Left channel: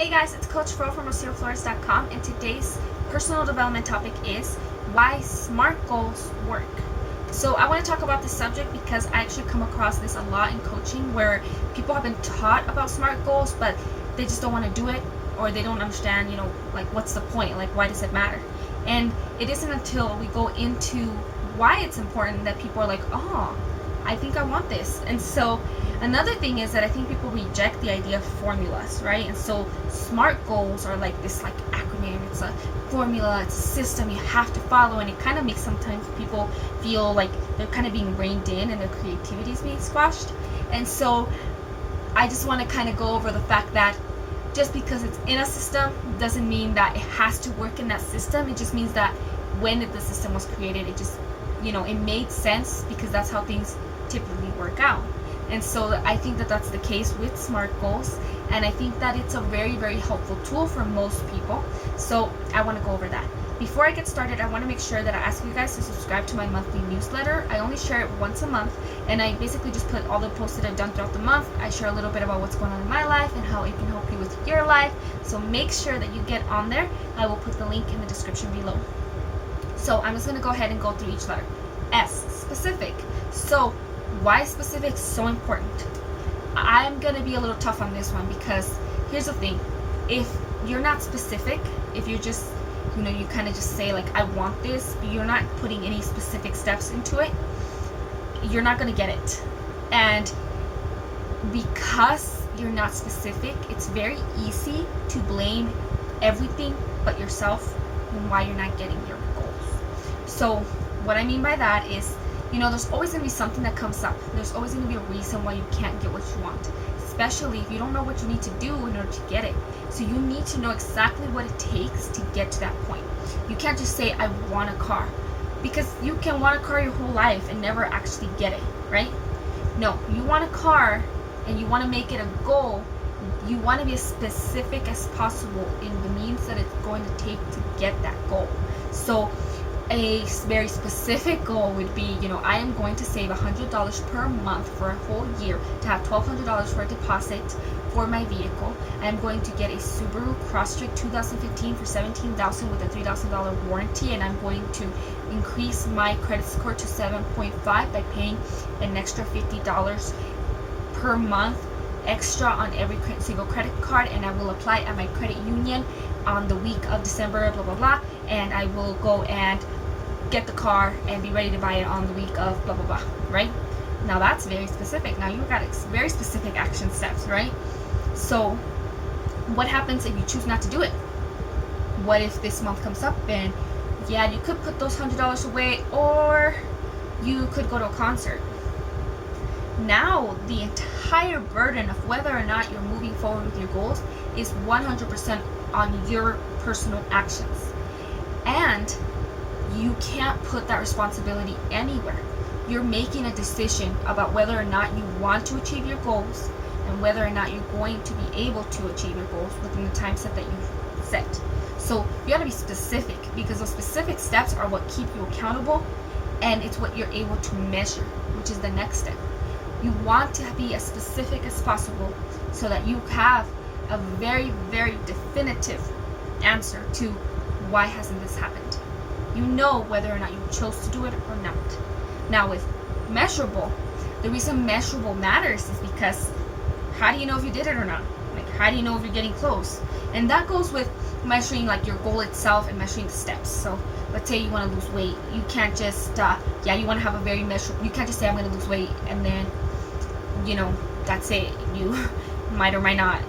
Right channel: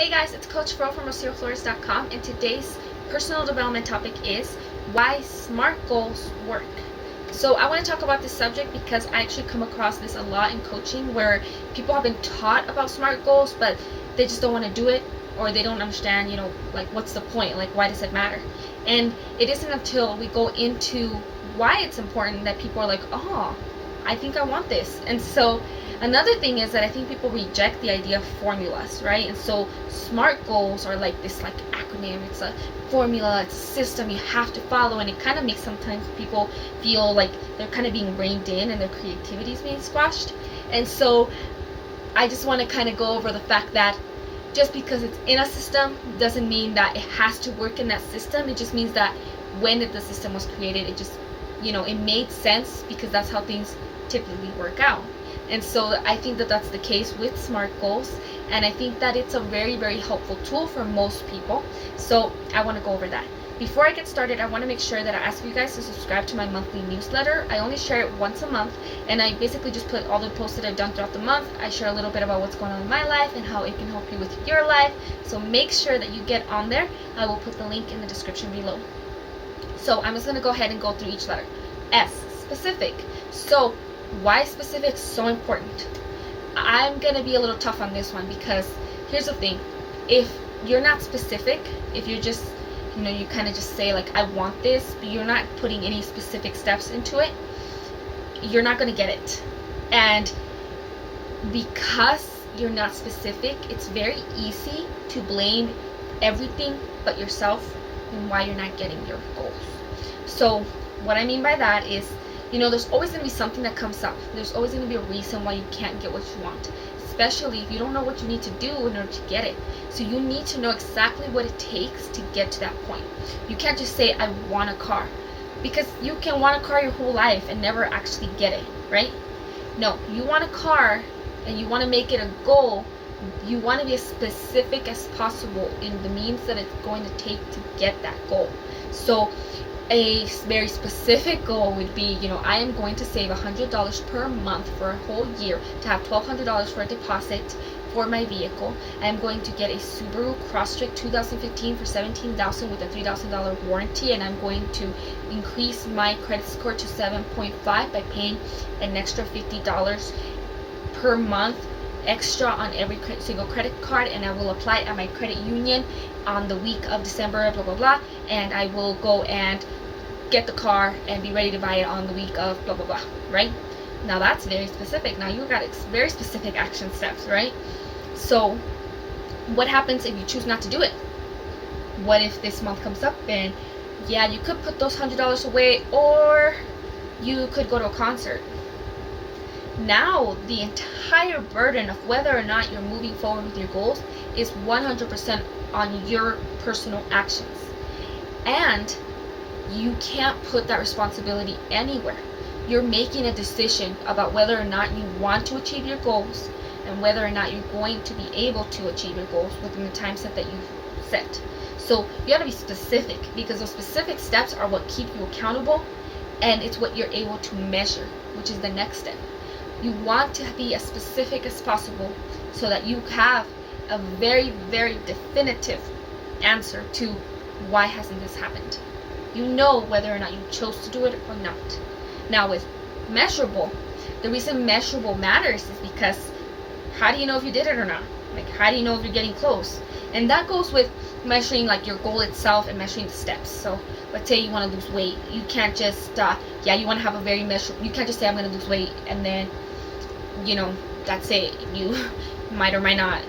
Hey guys, it's Coach Fro from RocioFlores.com, and today's personal development topic is why SMART goals work. So I want to talk about this subject because I actually come across this a lot in coaching where people have been taught about SMART goals, but they just don't want to do it, or they don't understand, like what's the point? Like, why does it matter? And it isn't until we go into why it's important that people are like, oh, I think I want this. And so another thing is that I think people reject the idea of formulas, right? And so SMART goals are like this acronym. It's a formula, it's a system you have to follow, and it kind of makes sometimes people feel like they're kind of being reined in and their creativity is being squashed. And so I just want to kind of go over the fact that just because it's in a system doesn't mean that it has to work in that system. It just means that when the system was created, it just, it made sense because that's how things typically work out. And so I think that that's the case with SMART goals, and I think that it's a very, very helpful tool for most people. So I want to go over that. Before I get started, I want to make sure that I ask you guys to subscribe to my monthly newsletter. I only share it once a month, and I basically just put all the posts that I've done throughout the month. I share a little bit about what's going on in my life and how it can help you with your life. So make sure that you get on there. I will put the link in the description below. So I'm just going to go ahead and go through each letter. S, specific. So why specific is so important? I'm going to be a little tough on this one because here's the thing. If you're not specific, if you're just, you kind of just say like, I want this, but you're not putting any specific steps into it, you're not going to get it. And because you're not specific, it's very easy to blame everything but yourself and why you're not getting your goals. So what I mean by that is, there's always going to be something that comes up. There's always going to be a reason why you can't get what you want, especially if you don't know what you need to do in order to get it. So you need to know exactly what it takes to get to that point. You can't just say, I want a car, because you can want a car your whole life and never actually get it, right? No, you want a car and you want to make it a goal. You want to be as specific as possible in the means that it's going to take to get that goal. So a very specific goal would be, I am going to save $100 per month for a whole year to have $1,200 for a deposit for my vehicle. I am going to get a Subaru Crosstrek 2015 for $17,000 with a $3,000 warranty, and I'm going to increase my credit score to 7.5 by paying an extra $50 per month extra on every single credit card, and I will apply at my credit union on the week of December, blah blah blah, and I will go and get the car and be ready to buy it on the week of blah blah blah, right? Now that's very specific. Now you got very specific action steps, right? So what happens if you choose not to do it? What if this month comes up and you could put those $100 away, or you could go to a concert? Now the entire burden of whether or not you're moving forward with your goals is 100% on your personal actions, and you can't put that responsibility anywhere. You're making a decision about whether or not you want to achieve your goals and whether or not you're going to be able to achieve your goals within the time set that you've set. So you got to be specific, because those specific steps are what keep you accountable, and it's what you're able to measure, which is the next step. You want to be as specific as possible so that you have a very, very definitive answer to why hasn't this happened. You know whether or not you chose to do it or not. Now with measurable, the reason measurable matters is because how do you know if you did it or not? Like, how do you know if you're getting close? And that goes with measuring like your goal itself and measuring the steps. So let's say you want to lose weight. You can't just, you want to have a very measurable, you can't just say I'm going to lose weight and then, that's it. You might or might not,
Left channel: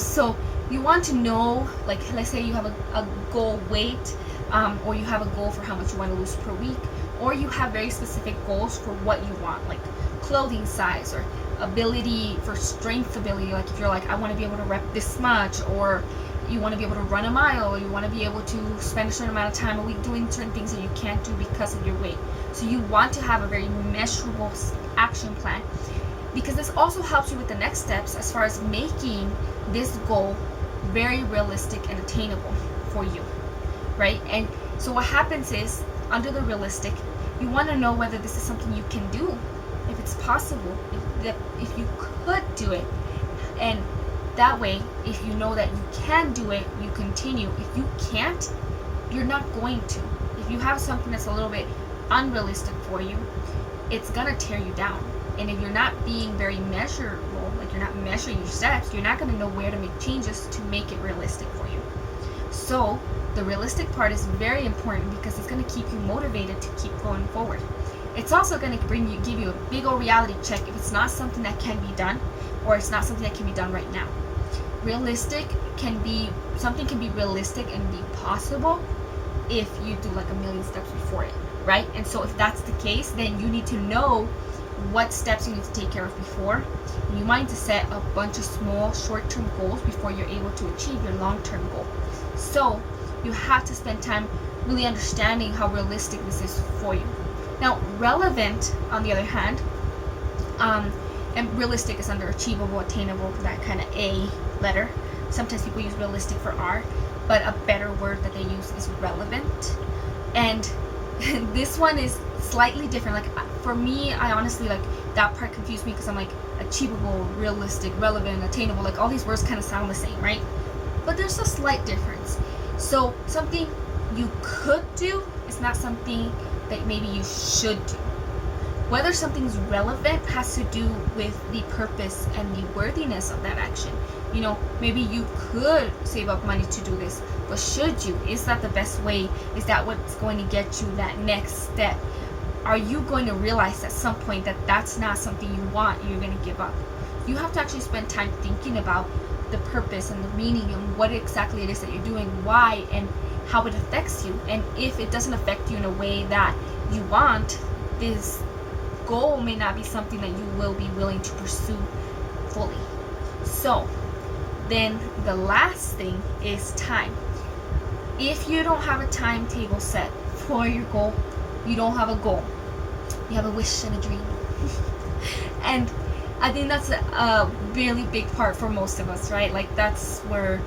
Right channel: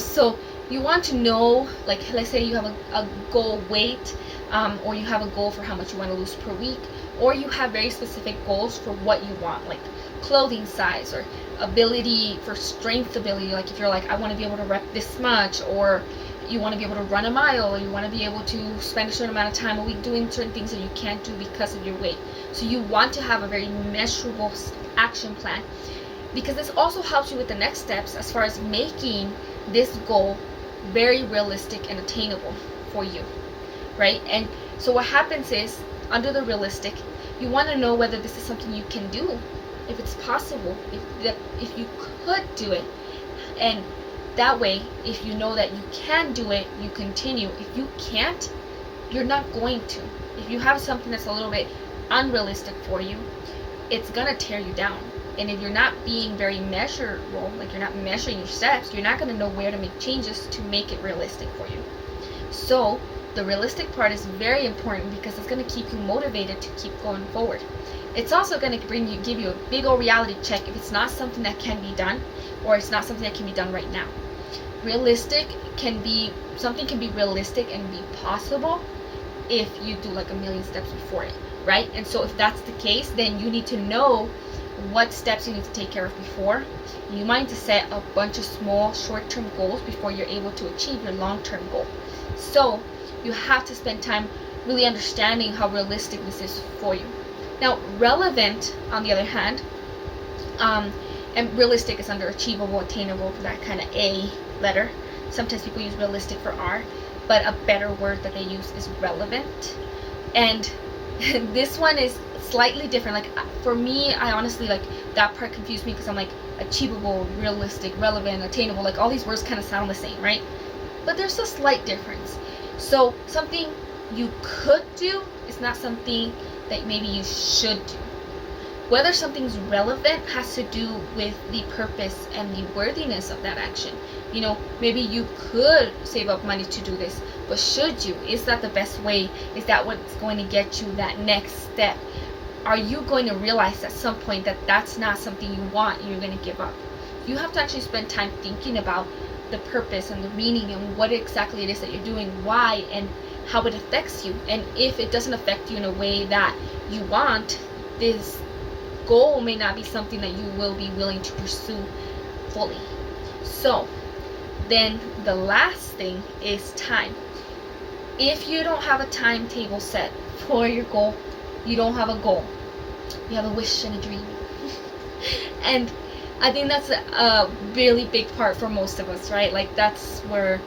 so you want to know, like, let's say you have a goal weight, or you have a goal for how much you want to lose per week, or you have very specific goals for what you want, like clothing size or ability for strength ability. Like if you're like, I want to be able to rep this much, or you want to be able to run a mile, or you want to be able to spend a certain amount of time a week doing certain things that you can't do because of your weight. So you want to have a very measurable action plan, because this also helps you with the next steps as far as making this goal very realistic and attainable for you, right? And so what happens is, under the realistic, you want to know whether this is something you can do, if it's possible, if you could do it, and That way, if you know that you can do it, you continue. If you can't, you're not going to. If you have something that's a little bit unrealistic for you, it's gonna tear you down. And if you're not being very measurable, like you're not measuring your steps, you're not gonna know where to make changes to make it realistic for you. So the realistic part is very important because it's gonna keep you motivated to keep going forward. It's also gonna give you a big old reality check if it's not something that can be done, or it's not something that can be done right now. Something can be realistic and be possible if you do like a million steps before it, right? And so if that's the case, then you need to know what steps you need to take care of before. You might need to set a bunch of small short-term goals before you're able to achieve your long-term goal. So you have to spend time really understanding how realistic this is for you. Now, relevant, on the other hand, and realistic is under achievable, attainable, that kind of A letter. Sometimes people use realistic for R, but a better word that they use is relevant. And this one is slightly different. Like for me, I honestly, like, that part confused me because I'm like, achievable, realistic, relevant, attainable, like all these words kind of sound the same, right? But there's a slight difference. So something you could do is not something that maybe you should do. Whether something's relevant has to do with the purpose and the worthiness of that action. You know, maybe you could save up money to do this, but should you? Is that the best way? Is that what's going to get you that next step? Are you going to realize at some point that that's not something you want, you're going to give up? You have to actually spend time thinking about the purpose and the meaning and what exactly it is that you're doing, why, and how it affects you. And if it doesn't affect you in a way that you want, this goal may not be something that you will be willing to pursue fully. So then the last thing is time. If you don't have a timetable set for your goal, you don't have a goal. You have a wish and a dream. And I think that's a really big part for most of us, right? Like that's where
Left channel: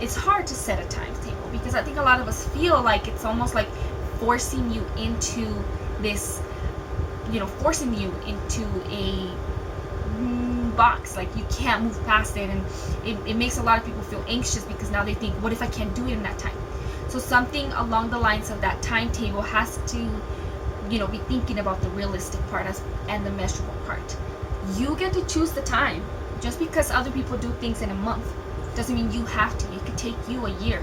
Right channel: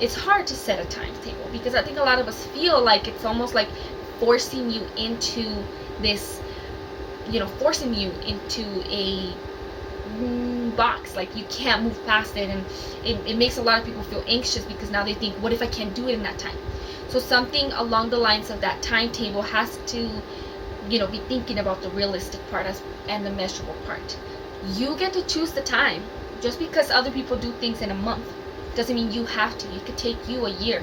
it's hard to set a timetable, because I think a lot of us feel like it's almost like forcing you into this, forcing you into a box, like you can't move past it, and it makes a lot of people feel anxious because now they think, what if I can't do it in that time? So something along the lines of that timetable has to, be thinking about the realistic part and the measurable part. You get to choose the time. Just because other people do things in a month doesn't mean you have to. It could take you a year.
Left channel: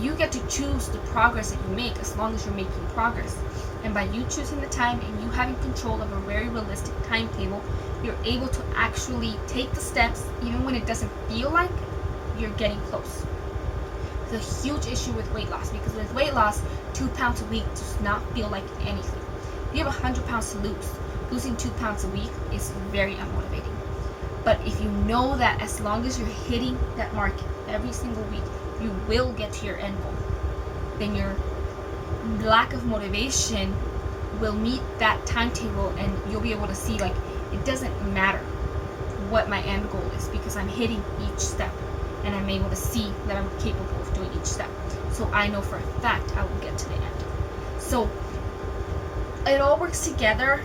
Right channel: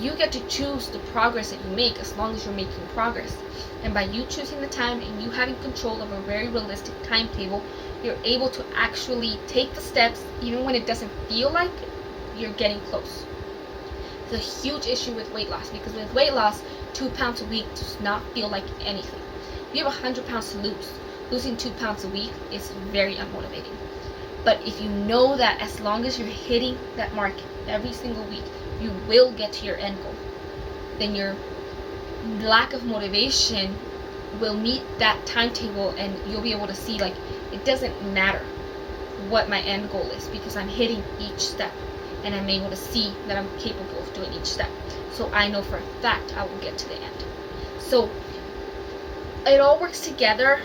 You get to choose the progress that you make as long as you're making progress. And by you choosing the time and you having control of a very realistic timetable, you're able to actually take the steps even when it doesn't feel like you're getting close. It's a huge issue with weight loss, because with weight loss, 2 pounds a week does not feel like anything. If you have 100 pounds to lose, losing 2 pounds a week is very unmotivating. But if you know that as long as you're hitting that mark every single week, you will get to your end goal, then your lack of motivation will meet that timetable, and you'll be able to see, like, it doesn't matter what my end goal is because I'm hitting each step and I'm able to see that I'm capable of doing each step. So I know for a fact I will get to the end. So it all works together.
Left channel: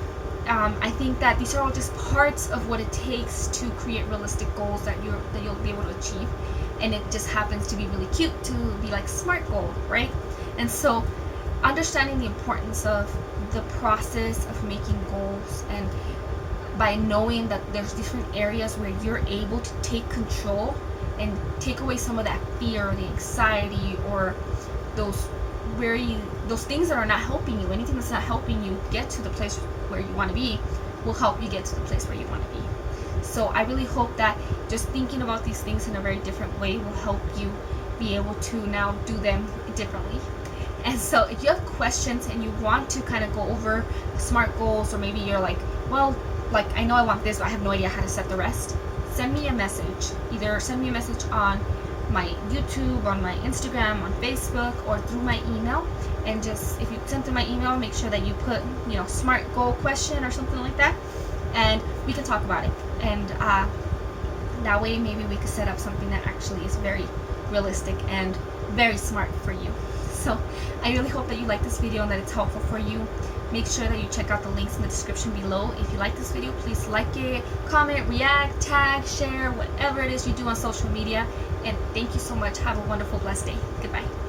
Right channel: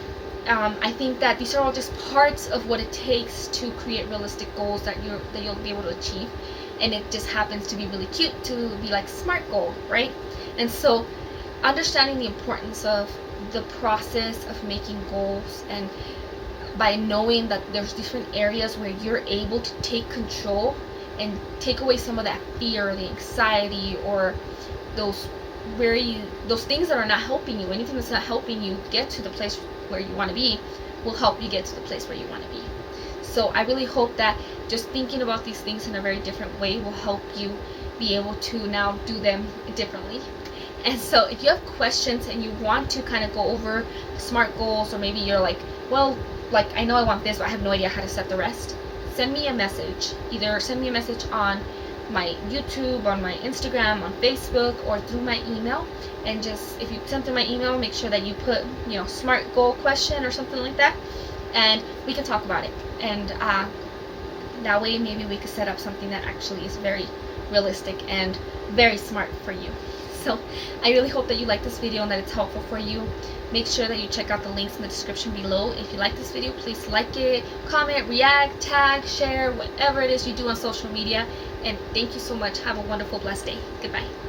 I think that these are all just parts of what it takes to create realistic goals that you'll be able to achieve, and it just happens to be really cute to be like SMART goal, right? And so understanding the importance of the process of making goals, and by knowing that there's different areas where you're able to take control and take away some of that fear or the anxiety or those things that are not helping you. Anything that's not helping you get to the place where you want to be will help you get to the place where you want to be. So I really hope that just thinking about these things in a very different way will help you be able to now do them differently. And so if you have questions and you want to kind of go over SMART goals, or maybe you're like, well, like, I know I want this, but I have no idea how to set the rest, send me a message. Either send me a message on my YouTube, on my Instagram, on Facebook, or through my email. And just, if you send through my email, make sure that you put, SMART goal question or something like that, and we can talk about it. And that way maybe we could set up something that actually is very realistic and very smart for you. So I really hope that you like this video and that it's helpful for you. Make sure that you check out the links in the description below. If you like this video, please like it, comment, react, tag, share, whatever it is you do on social media. And thank you so much. Have a wonderful, blessed day. Goodbye.